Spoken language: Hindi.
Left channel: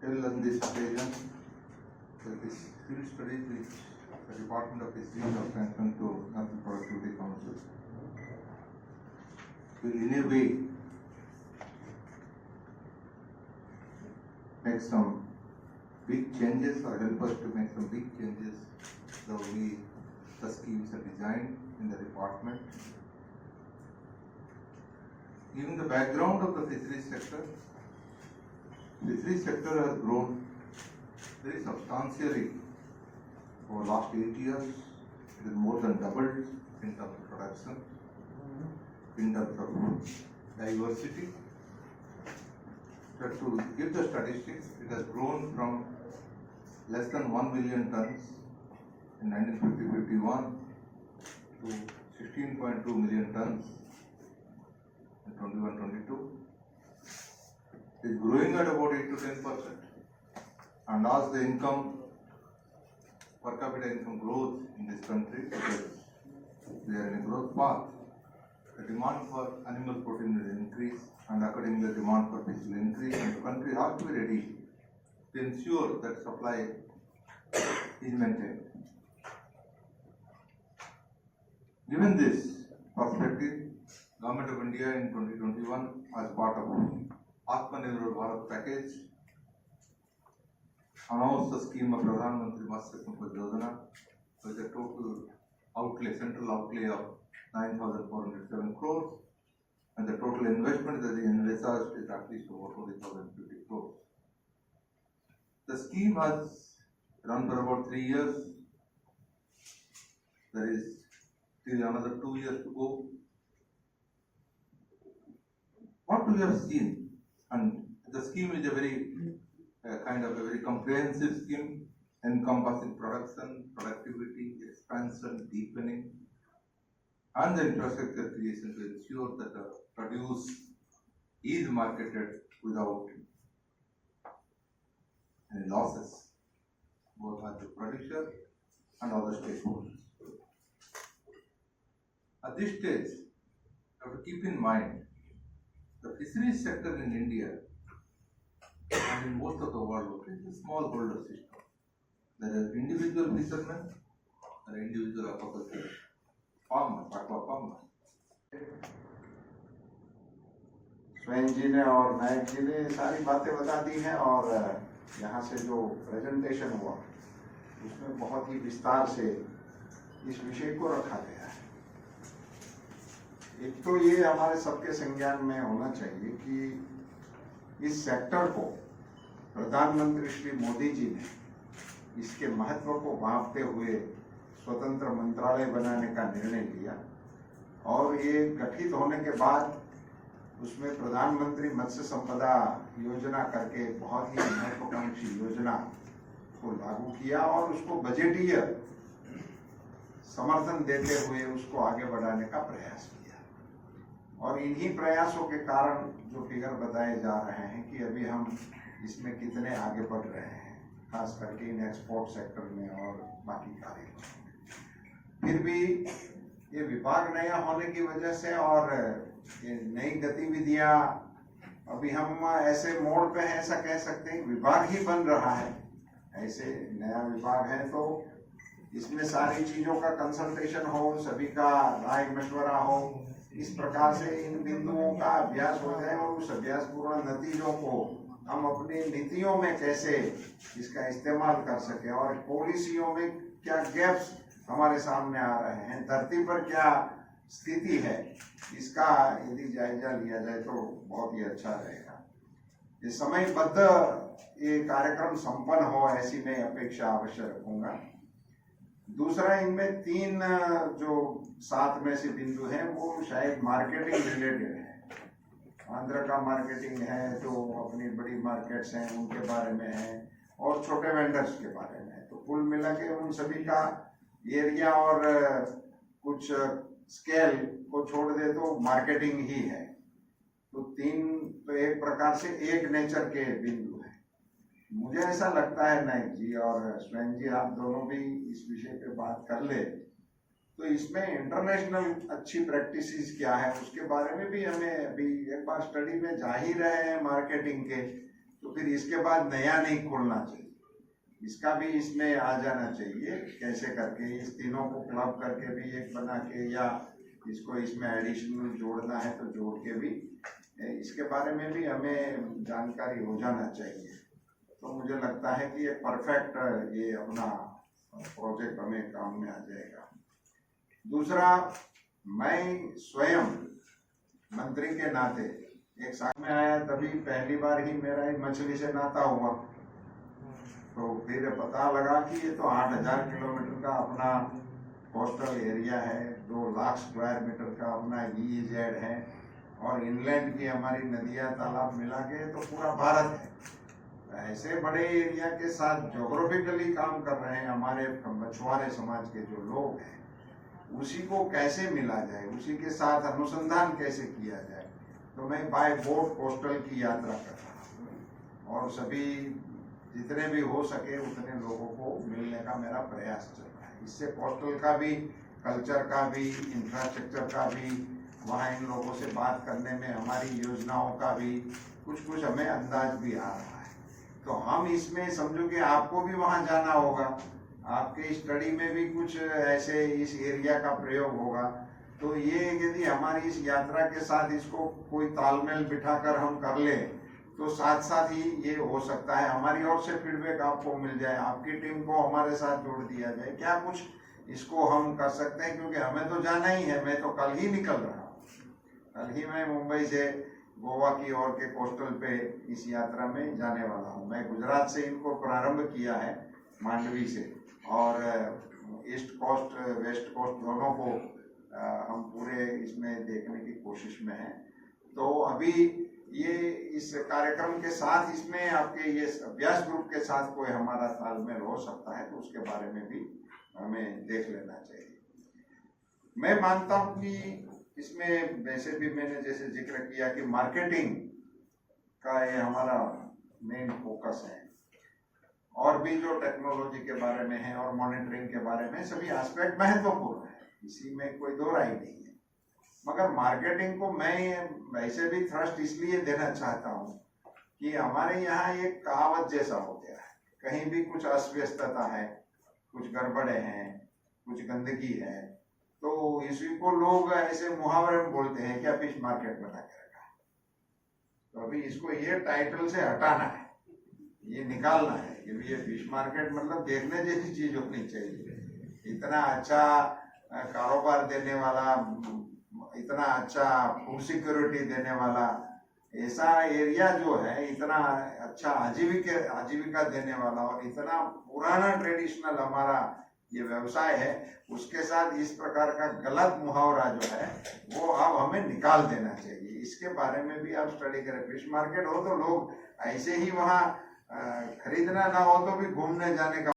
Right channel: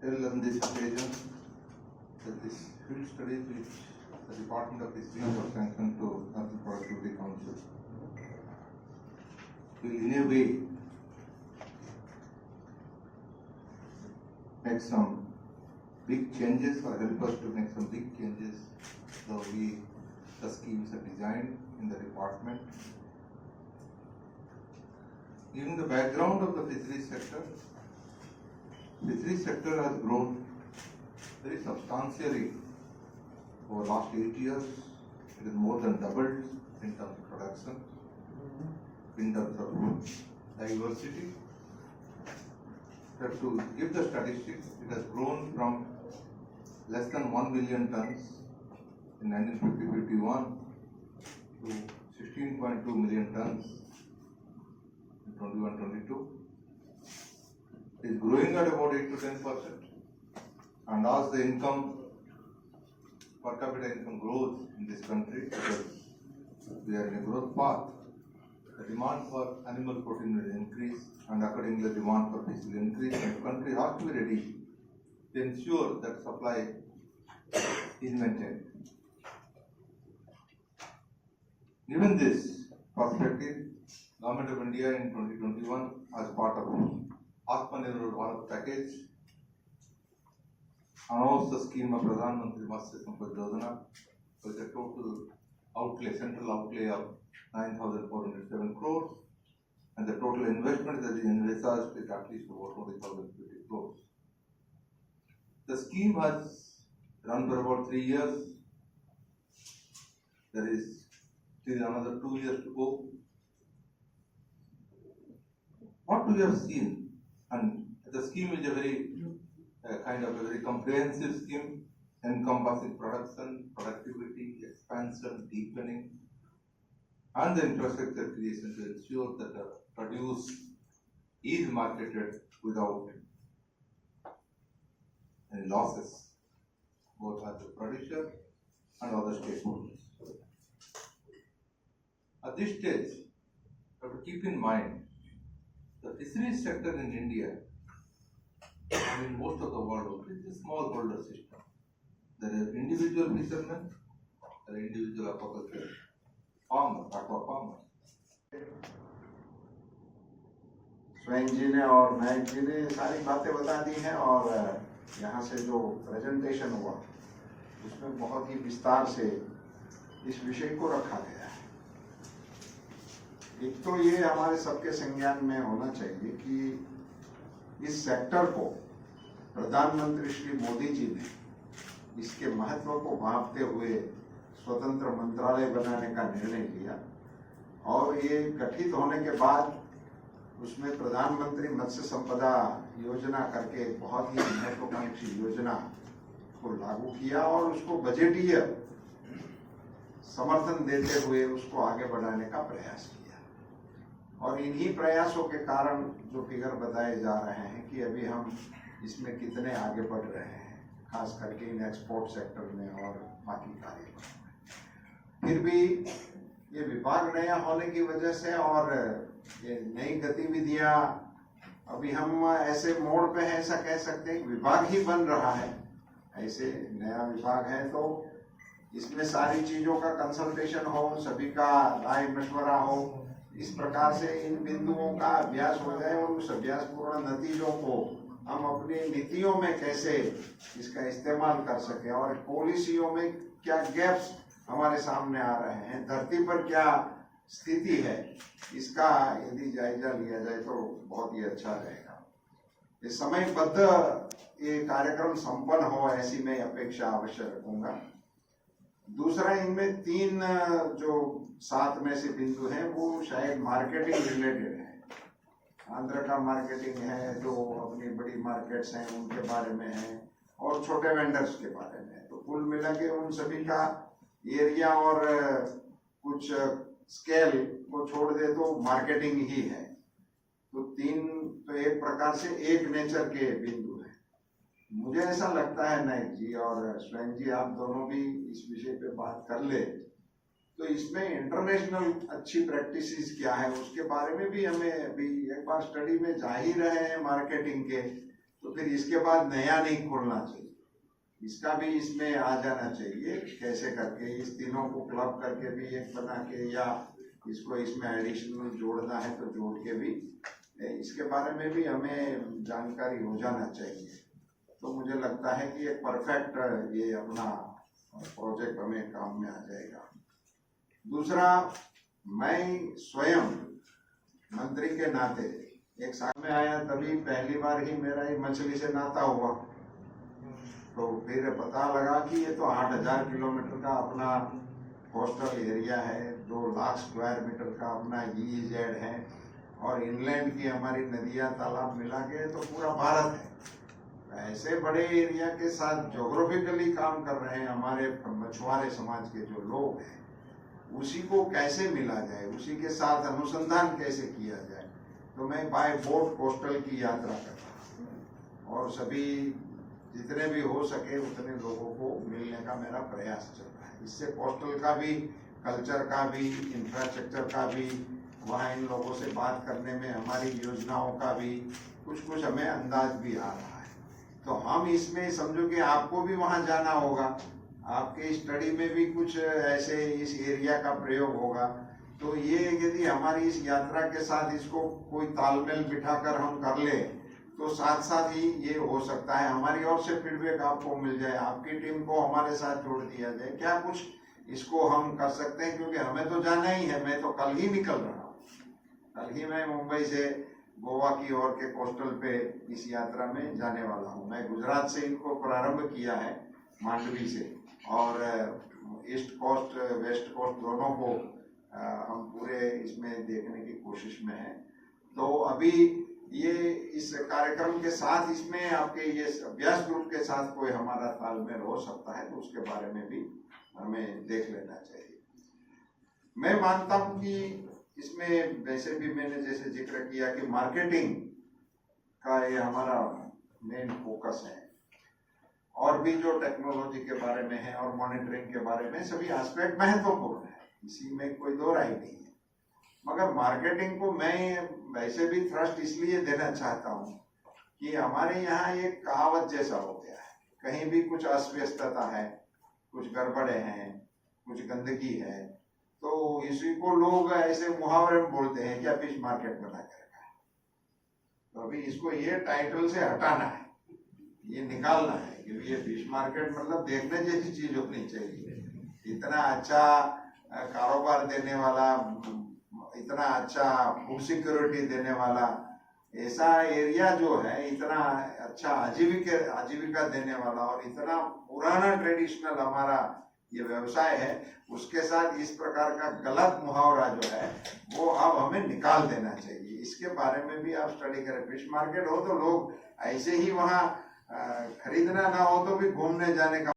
tell on this occasion that this field study which the Department of Fisheries has sanctioned to National Productivity Council will in a way make some big changes or help us to make some big changes the way the schemes are designed in the department. Given the background of the fisheries sector has grown very substantially over the last 8 years. It has more than doubled in terms of production, in terms of diversity. But to give the statistics, it has grown from less than 1 million tons in 1950-51 to 16.2 million tons in 21-22. It is growing at about 8 to 10%. And as the income, per capita income grows in this country, because we are in a growth path, the demand for animal protein will increase, and accordingly the demand for fish will increase, and the country has to be ready to ensure that supply is maintained. Given this perspective, Government of India in 2021, as part of Atmanirbhar Bharat package, announced the scheme of Pradhan Mantri Matsya Sampad Yojana with a total outlay, central outlay of 9,407 crores, and the total investment that is envisaged is at least over 40,050 crores. The scheme has run for about 3 years. There is still another 2 years to go. What we have seen, and the scheme is a very kind of a very comprehensive scheme encompassing production, productivity, expansion, deepening, and the infrastructure creation to ensure that the produce is marketed without any losses, both at the producer and other stakeholders. At this stage, you have to keep in mind the fisheries sector in India and in most of the world is a smallholder system. There are individual fishermen, there are individual aquaculture farmers, aqua farmers. स्वयं जी ने और नायक जी ने सारी बातें बता दी हैं, और यहाँ से जो प्रेजेंटेशन हुआ उसमें बहुत ही विस्तार से इस विषय को रखा गया है। एक तो ये हमारे सबके संज्ञान में होना चाहिए कि इस सेक्टर को प्रधानमंत्री श्री मोदी जी ने इसके महत्व को भांपते हुए स्वतंत्र मंत्रालय बनाने का निर्णय लिया, और ये गठित होने के बाद उसमें प्रधानमंत्री मत्स्य संपदा योजना करके बहुत ही महत्वाकांक्षी योजना को लागू किया और उसको बजटीय समर्थन देते हुए उसको आगे बढ़ाने का प्रयास किया। और इन्हीं प्रयासों के कारण जो फिगर बताए जा रहे हैं कि अभी हम इसमें कितने आगे बढ़ रहे हैं, खास करके इन एक्सपोर्ट सेक्टर में और बाकी कार्यों में। फिर भी ये विभाग नया होने की वजह से और ये नई गतिविधियां, अभी हम ऐसे मोड़ पे हैं, ऐसा कह सकते हैं विभाग ही बन रहा है, ऐसे नया विभाग है, तो इसमें सारी चीजों का कंसल्टेशन हो, सभी का राय मशवरा हो, इस प्रकार से इन बिंदुओं का अभ्यास हो जाए और उस अभ्यासपूर्ण नतीजों को हम अपनी नीतियों में कैसे इसका इस्तेमाल कर सके और पॉलिसियों में क्या गैप्स हमारे सामने आ रहे हैं, धरती पर क्या स्थिति है, इसका यदि जायजा लिया जाए तो बहुत ही अच्छा रहेगा। ये समयबद्ध ये कार्यक्रम संपन्न हो, ऐसी मैं अपेक्षा अवश्य रखूंगा। दूसरा, इनमें 3 जो 7 में से बिंदु हैं वो शायद मार्केटिंग रिलेटेड है। आंध्र का मार्केटिंग है, जो अपनी बड़ी मार्केट्स हैं उनके बारे में है, और छोटे वेंडर्स के बारे में है। तो कुल मिला के उन सभी का एरिया और कुछ स्केल को छोड़ दे तो मार्केटिंग ही है। तो 3 तो एक प्रकार से एक नेचर के बिंदु हैं। मुझे ऐसा लगता है नायक जी और स्वयं जी, आप दोनों भी इस विषय पे बात कर ले, तो इसमें इंटरनेशनल अच्छी प्रैक्टिसेस क्या है उसके बारे में भी हमें अभी एक बार स्टडी में जा ही रहे हैं मार्केटिंग के, तो फिर इसके बाद नया नहीं खोलना चाहिए, इसका भी इसमें आ जाना चाहिए। कैसे करके इस तीनों को क्लब करके भी एक बना के, या इसको इसमें एडिशनल जोड़ना है तो जोड़ के भी, इसके बारे में भी हमें जानकारी हो जाना चाहिए। तो मुझे लगता है कि एक परफेक्ट ये अपना प्रोजेक्ट हमें काम में आ जाएगा। दूसरा, मैं स्वयं मंत्री के नाते एक साल में आया, तभी पहली बार ही मेरा एक मछली से नाता हुआ। तो फिर पता लगा कि ये तो 8,000 किलोमीटर का अपना कोस्टल एरिया है, 2 लाख स्क्वायर मीटर का अपना EEZ है, और इनलैंड की हमारी नदियां तालाब मिला के तो पूरा भारत है। ऐसे बड़े एरिया के साथ ज्योग्राफिकली काम कर रहे हैं हमारे मछुआरे समाज के जो लोग हैं, उसी को कैसे मिला जाए, उसी के साथ अनुसंधान कैसे किया जाए। तो मैं बाय बोट कोस्टल की यात्रा कर रहा हूँ, और सभी जितने भी हो सके उतने लोगों को मिलने का मेरा प्रयास चल रहा है। इससे कोस्टल का भी, कल्चर का भी, इंफ्रास्ट्रक्चर का भी, वहाँ इन लोगों से बात करने में हमारी योजनाओं का भी कुछ हमें अंदाज भी आ रहा है। तो हम इसमें समझो कि आपको भी वहाँ जाना होगा, आपके स्टडी में भी कुछ ऐसे इस एरिया का प्रयोग होगा। तो ये यदि हमारी इस यात्रा के साथ इसको कोई तालमेल बिठाकर हम कर ले, तो साथ साथ ही ये हो सकता है हमारी ओर से फीडबैक आपको मिल जाए, आपकी टीम को हमारे साथ जोड़ दिया जाए, क्या कुछ इसको हम कर सकते हैं। क्योंकि हमें तो जाना ही है, मैं तो कल ही निकल रहा हूँ, कल ही मैं मुंबई से गोवा की ओर के कोस्टल पे इस यात्रा में जाने वाला हूँ। मैं गुजरात से इनको प्रारंभ किया है, मांडवी से, और ईस्ट कोस्ट वेस्ट कोस्ट दोनों को हम पूरे इसमें देखने की कोशिश में हैं। तो अभी ये इस कार्यक्रम के साथ इसमें आपके ये अभ्यास ग्रुप के साथ कोई हमारा तालमेल हो सकता है, तो उसके बारे में भी हमें देख लेना चाहिए। मैं मानता हूँ कि इसमें वैसे भी मैंने जैसे जिक्र किया कि मार्केटिंग का ये हमारा मेन फोकस है, और भी जो टेक्नोलॉजी के बारे में है और मॉनिटरिंग के बारे में सभी एस्पेक्ट महत्वपूर्ण है, इसी में कोई दो राय नहीं है। मगर मार्केटिंग को मैं वैसे भी थ्रस्ट इसलिए देना चाहता हूँ कि हमारे यहाँ एक कहावत जैसा हो गया है, कहीं भी कुछ अस्वस्थता है, कुछ गड़बड़े हैं, कुछ गंदगी है, तो इसी को लोग ऐसे मुहावरे में बोलते हैं क्या फिश मार्केट बना के रखा है। तो अभी इसको ये टाइटल से हटाना है, ये निकालना है कि ये फिश मार्केट मतलब देखने जैसी चीज होनी चाहिए। इतना अच्छा कारोबार देने वाला, इतना अच्छा फूड सिक्योरिटी देने वाला ऐसा एरिया जो है, इतना अच्छा आजीविका देने वाला, और इतना पुराना ट्रेडिशनल हमारा ये व्यवसाय है, उसके साथ इस प्रकार का गलत मुहावरा जो है वो अब हमें निकाल देना चाहिए। इसके बारे में भी आप स्टडी करें। फिश मार्केट हो तो लोग ऐसे ही वहाँ खरीदना ना हो तो भी घूमने जाने का